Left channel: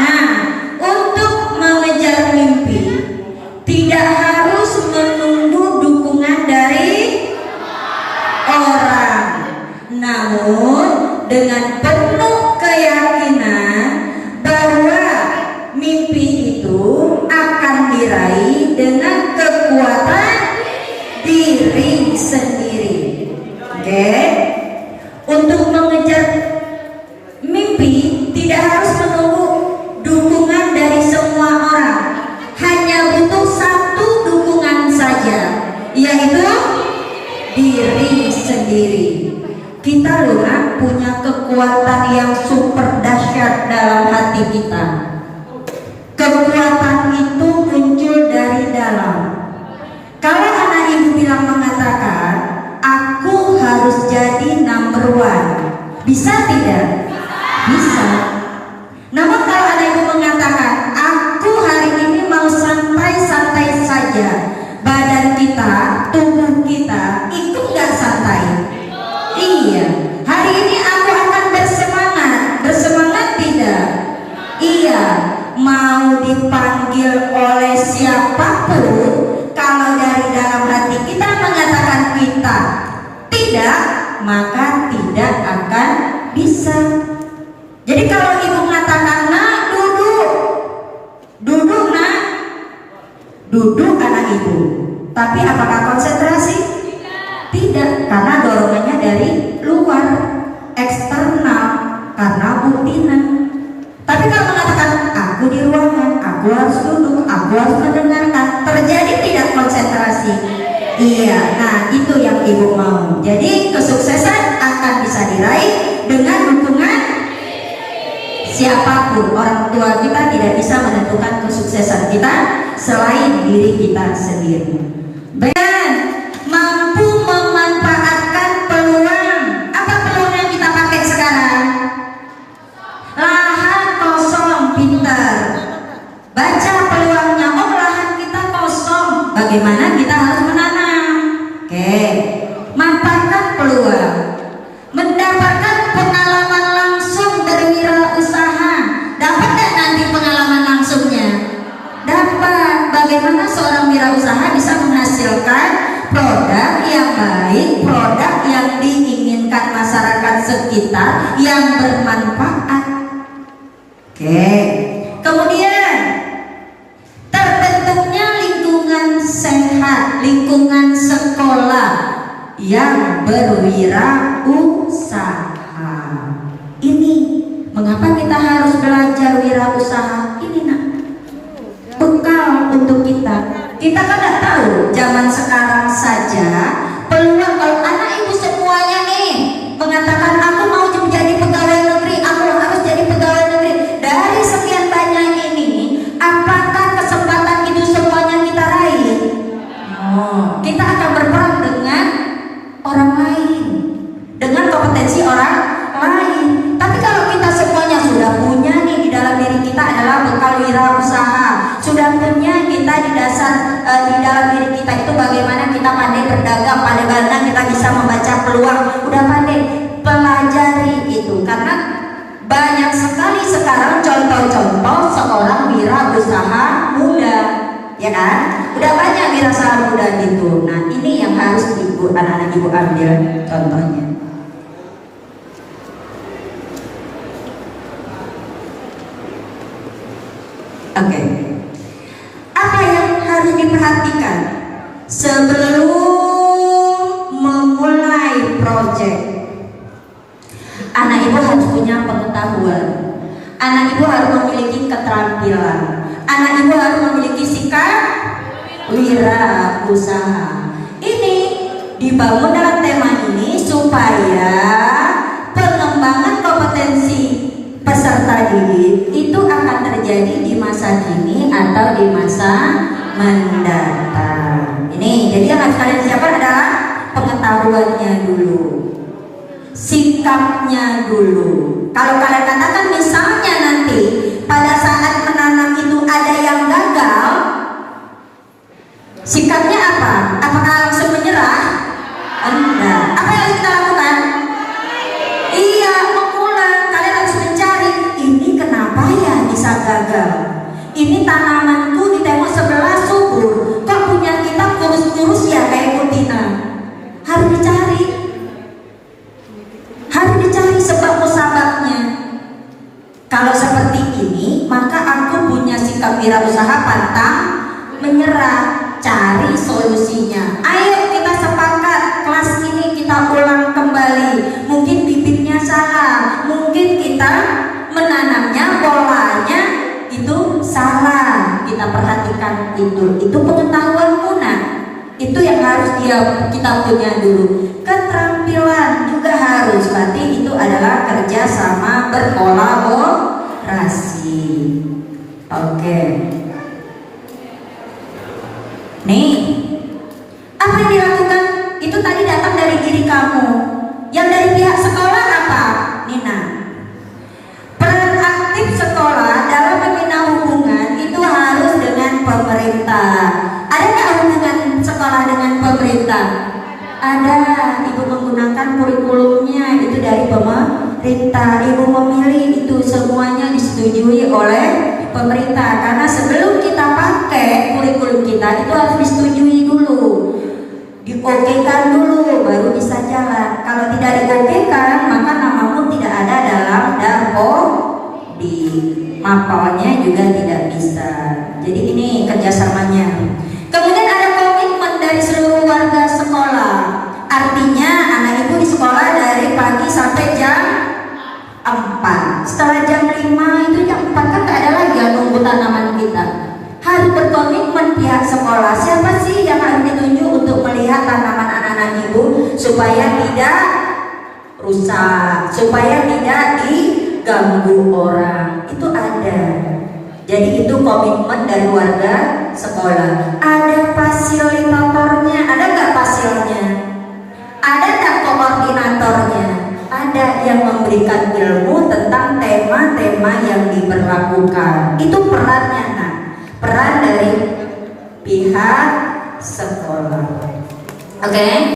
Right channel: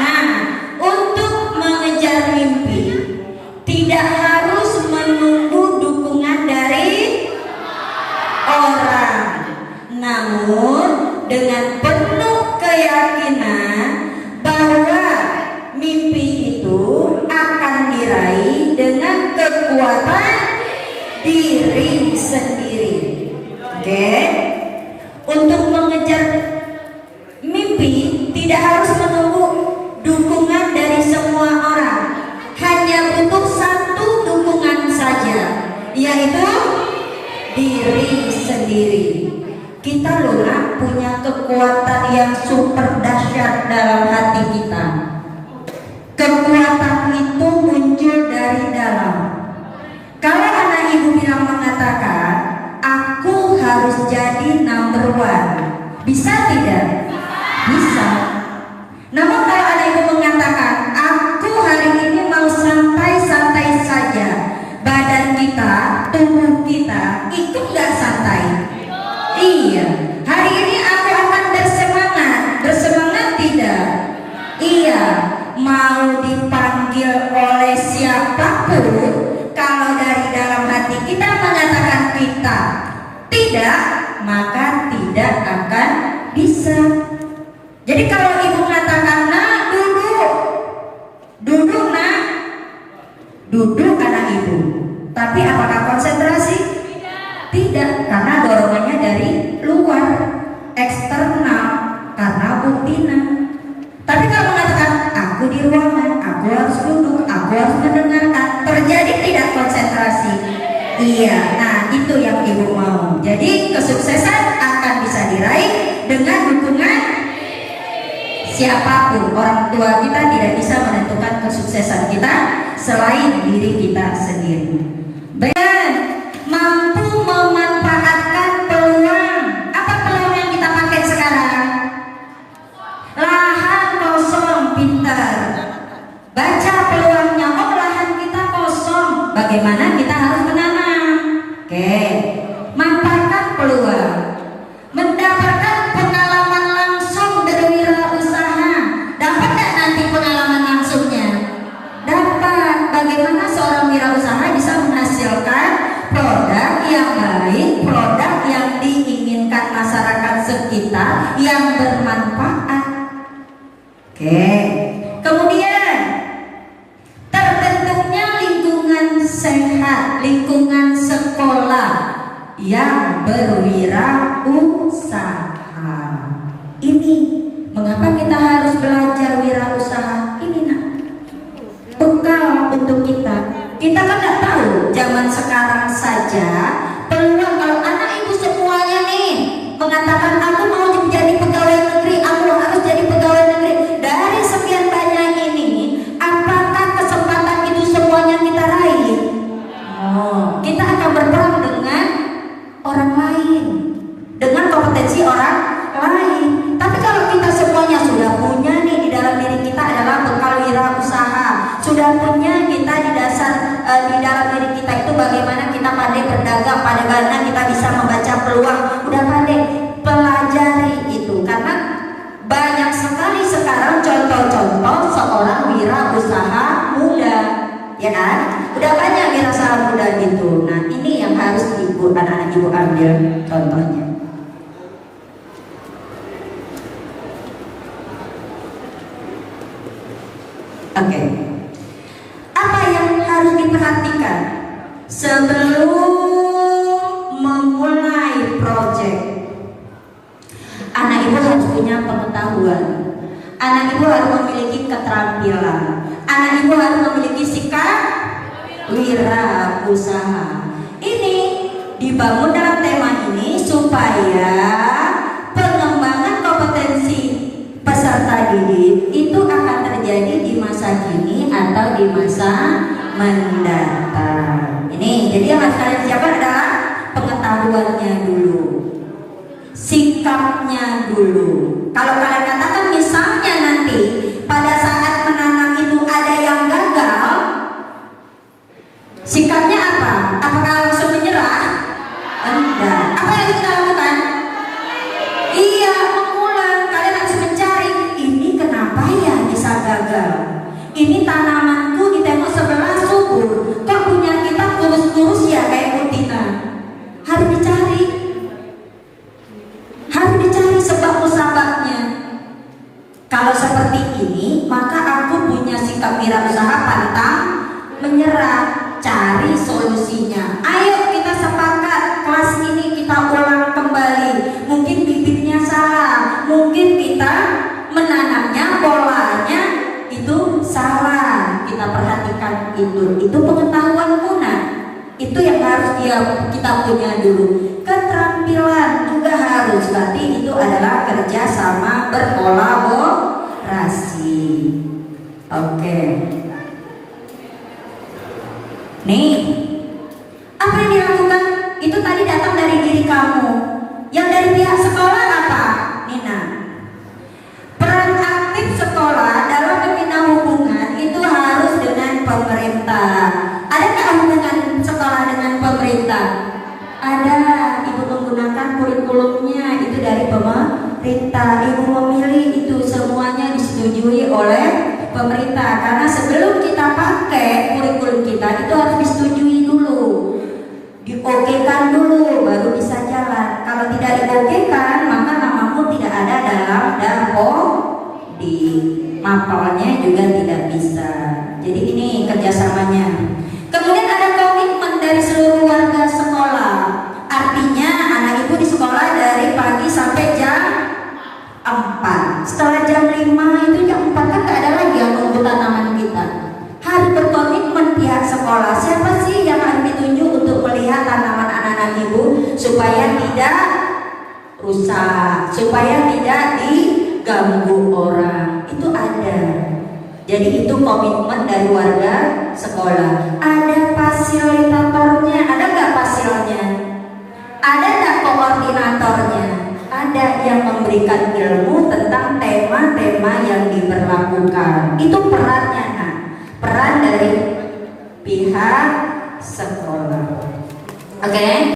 Nah, untuk mengejar mimpi tidak harus menunggu dukungan dari orang, namun dengan penuh keyakinan bahwa mimpi itu akan diraih dengan kekuatan diri sendiri. Oke? Untuk mengejar mimpi tidak harus menunggu dukungan dari semua orang, hanya butuh satu dukungan saja, yaitu diri sendiri. Kita loh punya kekuatan yang super dahsyat dalam hati kita. Kekuatan itu muncul dari dalam. Kalau anak ibu bilang mengatakan, aku harus jadi number one, bisa tidak? Bisa. Namun kalau ada ibu mengatakan, aku hari ini mau santai-santai saja, badan kita, tubuh kita ikut gak santai? Iya. Hari ini aku akan bersemangat. Bersemangat tidak? Iya. Mau dipanggil oleh siapapun, kalau dari dalam hati kita mengatakan kita tidak, maka tidak akan bisa. Jadi kalau ibu mengatakan, nak duduk, duduk nak, duduk anak ibu, tapi apakah konsentrasi? Tidak, karena dorongannya dari luar, eksternal, karena buktinan. Tapi kalau mengatakan aku di ruangan, aku harus duduk, aku harus mendengarkan, terjadi tidak konsentrasi? Iya, nah itu yang ibu mau. Jadi kesuksesan akan bisa diraih dengan dukungan siapapun. Orang tua kita tidak bisa menentukan kesuksesan kita selain diri kita sendiri. Dan mampu memanfaatkan peluang. Apa peluang yang kita pakai sekarang? Lahan kosong, pintar. Baca peluangnya, oh lahan kita kosong, bagaimana kita harus menanam? Oke, manfaatkan peluang. Mendapatkan pengalaman langsung berwirausaha. Dapat nggak nanti pengalaman langsungnya? Dapat. Bagaimana seorang wirausaha bisa menghasilkan produk yang baik, produk yang diinginkan masyarakat sekitar, yang bermanfaat. Oke. Kemudian terbentuknya lingkungan sehat, lingkungan sekolah yang berwirausaha. Ini mengapa kita harus belajar wirausaha? Ini nak bekal untuk kita. Kita kan nggak tahu zaman sekarang saja peluang. Kalau anak ibu semuanya nih mengatakan aku mau menjadi pegawai negeri, aku harus jadi pegawai negeri. Dari sekian banyak ini, apakah kesempatan itu semuanya kita raih? Oh, kita akan berperang dengan orang lain, dengan kompetensi orang lain. Tapi kalau kita semuanya sudah punya nih di dalam diri kita adalah bekal wirausaha, sudah punya kita di dasar di dalam diri kita itu bagaimana kita pandai berdagang, bagaimana kita bisa membaca peluang, udah pandai, pelajari itu. Karena banyak sekali sekarang contoh-contoh seorang wirausaha muda, ya kan? Udah banyak wirausaha muda gitu. Nah ini yang harus ibu, anak-anak ibu ambil contohnya. Oke. Apa yang harus diperhatikan sebelum memulai proyek? Anak ibu harus punya pengetahuan. Anak ibu harus memiliki keterampilan. Anak ibu harus memiliki sikap wirausaha. Ini dibangun dalam tema ini supaya pengembangan kompetensi peserta didik itu akan terjadi di masa kini atau di masa mendatang. Ini jadi yang harus kalian siapkan adalah pengetahuannya dulu, sikapnya dulu. Kalau kalian katakan misalnya nanti pada saat menanam itu ada yang gagal, sikapnya apa? Apakah langsung menyerah? Enggak. Apa yang kita lakukan? Iya, mengulang. Kalian harus mencari ini kenapa ya bisa gagal. gagal. Ini tanamanku di tembok sebelah subur, kok punya kita kurus-kurus ya kayak betina. Harus dicari sebab musababnya. Kalau seperti ini, maka aku punya sikap wirausaha pantang menyerah, cari solusinya. Ayo kita sepakat, kelas ini kita ulang kembali. Mungkin bibitnya salah, mungkin kita menanamnya polanya itu salah. Kita perhatikan itu pengetahuan guna. Itu yang harus kita punya dulu. Keterampilan juga harus, berarti itu adalah kerja sama berkolaborasi. Oke. Nih, apa yang dilakukan itu tadi datang dari diri kamu. Yang dari pihak sekolah apa? Nina. Peran aktif sekolah dalam membina hubungan itu harus dengan pemerintah. Ada nggak hubungan sekolah dengan pemerintah? Ada. Ibu menggunakan kurikulumnya itu dari pemerintah. Ibu memilih itu semuanya disetujui oleh pemerintah. Karena sebelum kita pakai kurikulum kita itu harus disetujui dulu, diokekan dulu, baru bisa jalan. Kalau tidak diokekan, maka namamu tidak ada dalam daftar, di mapalnya juga tidak bisa. Jadi ini kerjasamanya. Kemudian ada komitmen dari seluruh warga sekolah. Artinya anak ibu di sekolah dari pagi sampai jam 4. Setelah jam 5 itu jam 4 kan gak ada lagi yang nunggu tanaman kita. Harus berkomitmen pihak sekolah. Siapa sih yang harus ditunjuk untuk melihat tanaman anak-anak ibu supaya tidak rusak, supaya tidak diganggu orang. Itu ada. Jadi itu komitmen dari warga sekolah. Ada fasilitatornya, ada nggak fasilnya? Ada nggak koordinatornya? Ada yang memberikan ilmu tentang tema-tema yang diberlakukan. Itu perannya, nah. Peran dari pihak sekolah. Oke?